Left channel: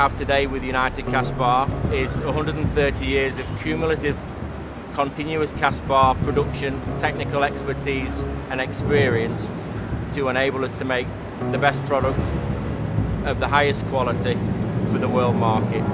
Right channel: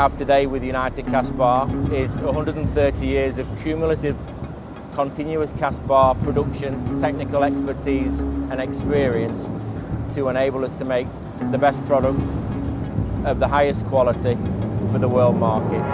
have today with United Cast Bar is 130 years of cumulative continuous cast bar production, technical expertise and experience to enable us to make the best product of the highest quality for the world market.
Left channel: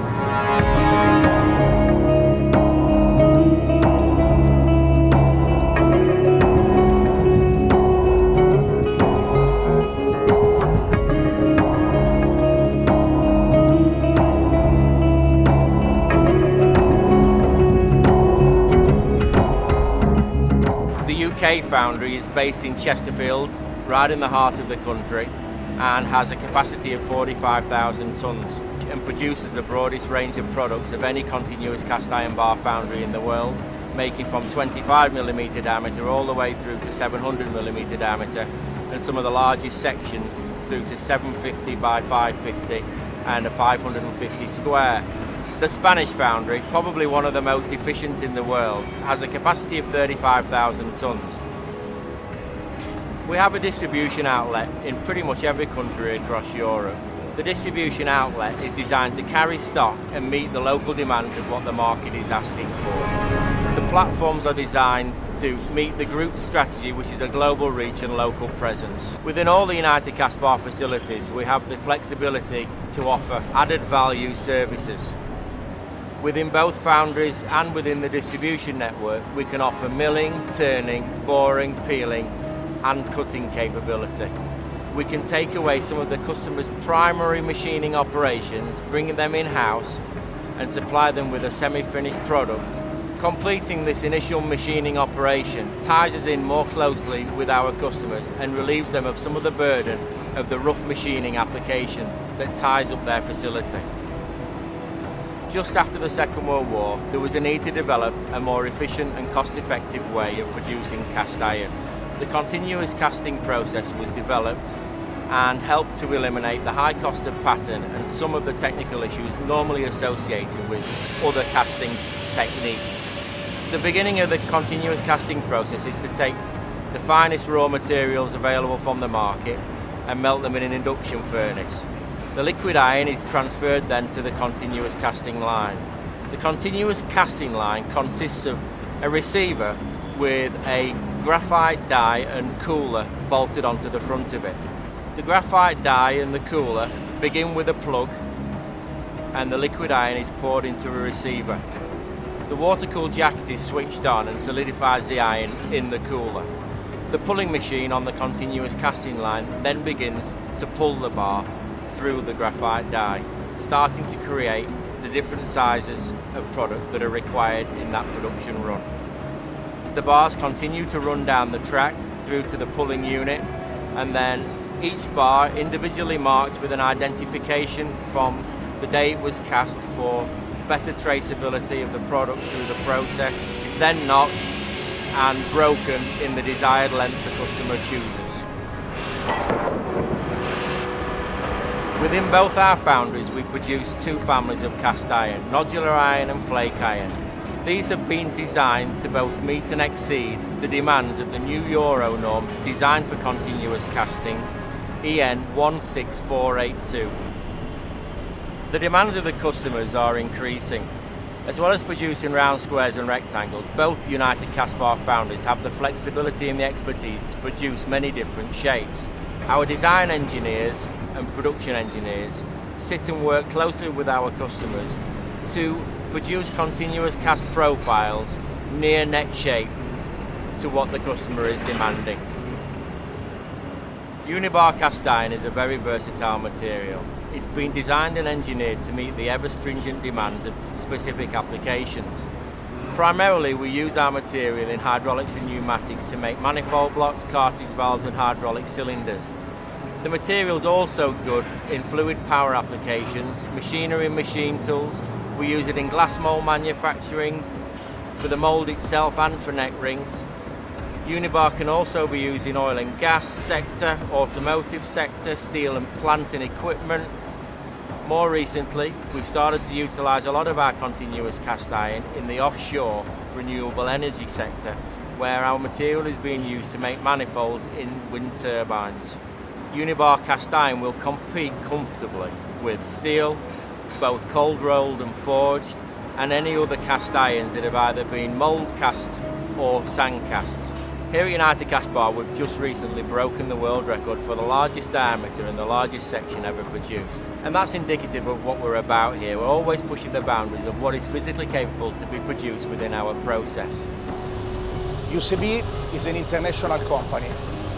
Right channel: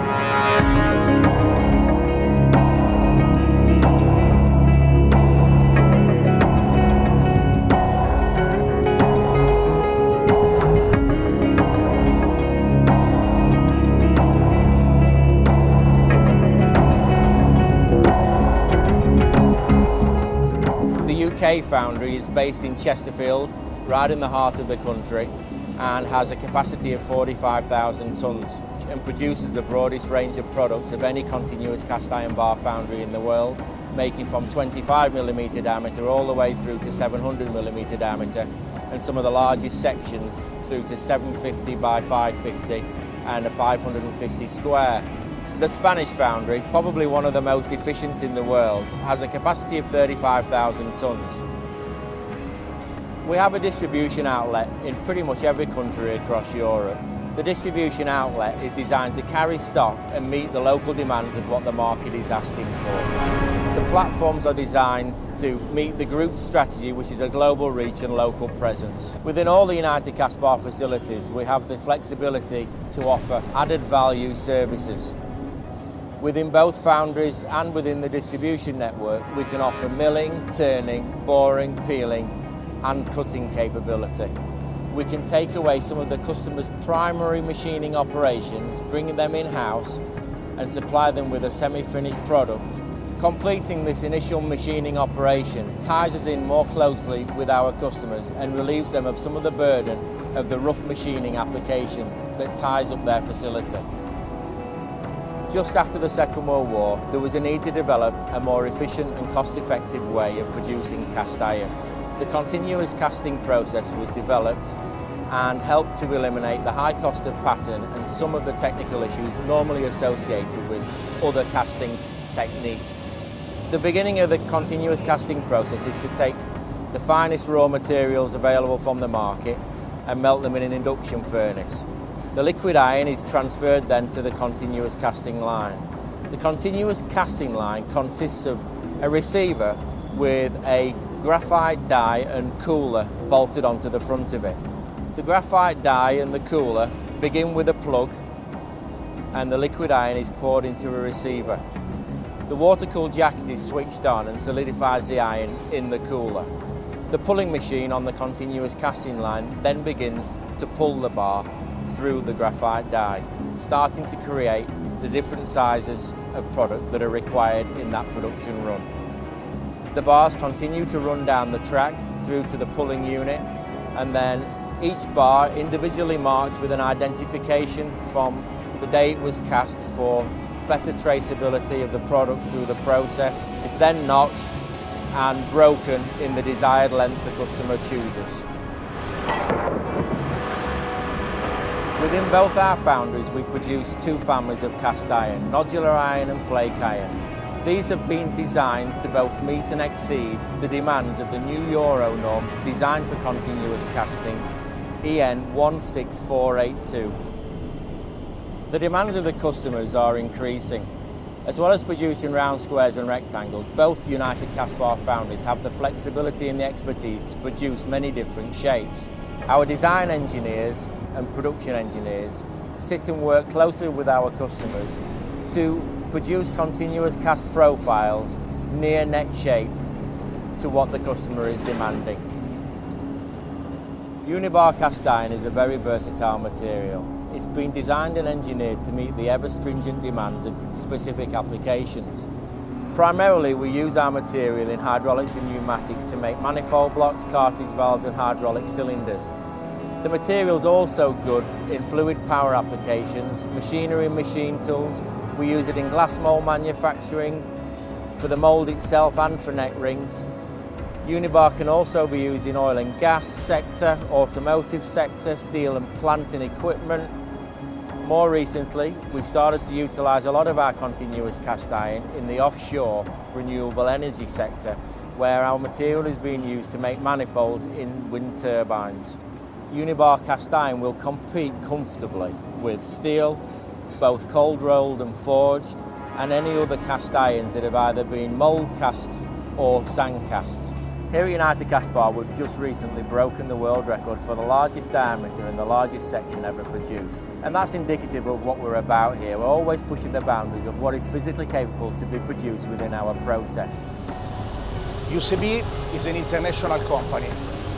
Foundry is based in Chesterfield, right in the heart of the country, and has a capacity of 45,000 tonnes and produces the broadest range of products of any continuous cast iron bar foundry in the world, making from 25mm diameter all the way through to 700mm diameter, and some of the largest sections through to 750 by 550 and a 550 square. The Spanish foundry, probably one of the most efficient in the world, has a capacity of 35,000 tonnes. We have a distribution outlet in pretty much every country across Europe. The distribution outlet is designed to carry stock and meet the local demands of what the market is asking for. The platforms are designed to meet the group's strategy, which is a global reach and local presence. Within all the United Cast Bar facilities, we have the flexibility to offer added value services. Within both foundries and within the distribution network, we can offer milling, turning, boring, peeling and cutting capability. We can take away some of the customer's primary machining operations, bringing them in-house and supply them with a semi-finished product. Completing this initial machining operation ties us in more closely with our customers and relieves them of some of the burden of the rough machining application that ties up their facility. Just after the Second World War, there was a need to develop a more efficient and cost-effective way of producing cast iron. The continuous casting process was developed and helped to eliminate the high cost of pattern and some of the technical issues normally associated with other casting techniques. The beginning of the continuous casting process is to take the finest raw materials available from the market and melt them in an induction furnace. The liquid iron is transferred then to the continuous casting line. The continuous casting line consists of a receiver with a graphite die and cooler bolted onto the front of it. The graphite die and the cooler begin with a plug and the liquid iron is poured into a receiver. The water-cooled jacket is switched on and solidifies the iron in the cooler. The pulling machine on the continuous casting line then begins to pull the bar through the graphite die, starting to create the different sizes of product that are required in that production run. The bars continue to run down the track through to the pulling unit, and then each bar, individually marked with an identification from the day it was cast for better traceability of the product through the process, is then notched and broken in the desired length the customer chooses. Within both our foundries we produce two families of cast iron, nodular iron and flake iron. These have been designed to both meet and exceed the demands of the new Euro norm designed for continuous casting, EN 16482. The demands of the customers are increasing. As well as producing round squares and rectangles, both United Cast Bar foundries have the flexibility and the expertise to produce many different shapes. Our design engineers and production engineers sit and work closely with our customers to produce continuous cast profiles near net shape to what the customer is demanding. Unibar cast iron is a very versatile material. It's been designed and engineered to meet the ever-stringent demands of specific applications. Primarily, we use our material in hydraulics and pneumatics to make manifold blocks, cartridge valves and hydraulic cylinders. The material is also good in fluid power applications, machinery and machine tools. We use it in glass mould manufacturing, for the mould itself and for neck rings. Unibar can also be used in oil and gas sector, automotive sector, steel and plant and equipment. More recently, we've started to utilise a lot of our continuous cast iron in the offshore renewable energy sector, where our material is being used to make manifolds in wind turbines. Unibar cast iron will compete comfortably with steel, both cold rolled and forged, and any other cast irons that have either been mould cast or sand cast. Here at United Cast Bar, we've just recently broken the world record for the largest diameter and the largest section ever produced. And that's indicative of what we're about here. We're always pushing the boundaries of what is physically capable to be produced within our process. UCB is an international company.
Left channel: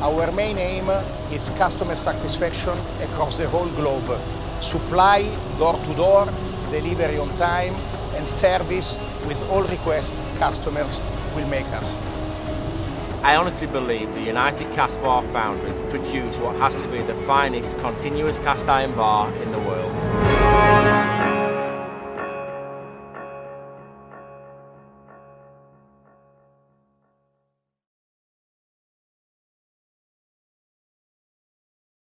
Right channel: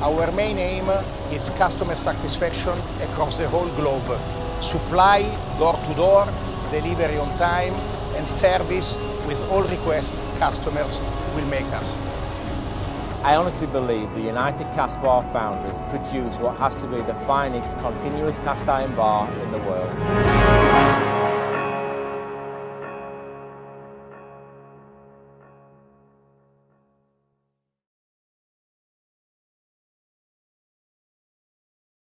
Our main aim is customer satisfaction across the whole globe. Supply, door to door, delivery on time, and service with all requests customers will make us. I honestly believe the United Cast Bar foundries produce what has to be the finest continuous cast iron bar in the world.